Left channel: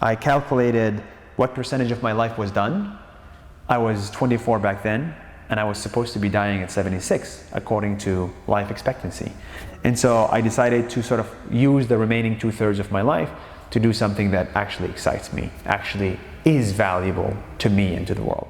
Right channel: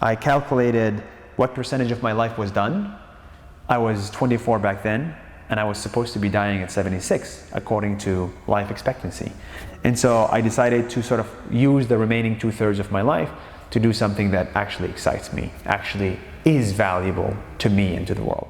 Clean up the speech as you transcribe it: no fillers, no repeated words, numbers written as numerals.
I calculated what percentage of my life was done. I was 24 back then, and I was supposed to be dying at 76, according to life expectancy. And so I decided to sort of use the remaining 2/3 of my life to do something that actually excites me, actually is valuable to me and to the world.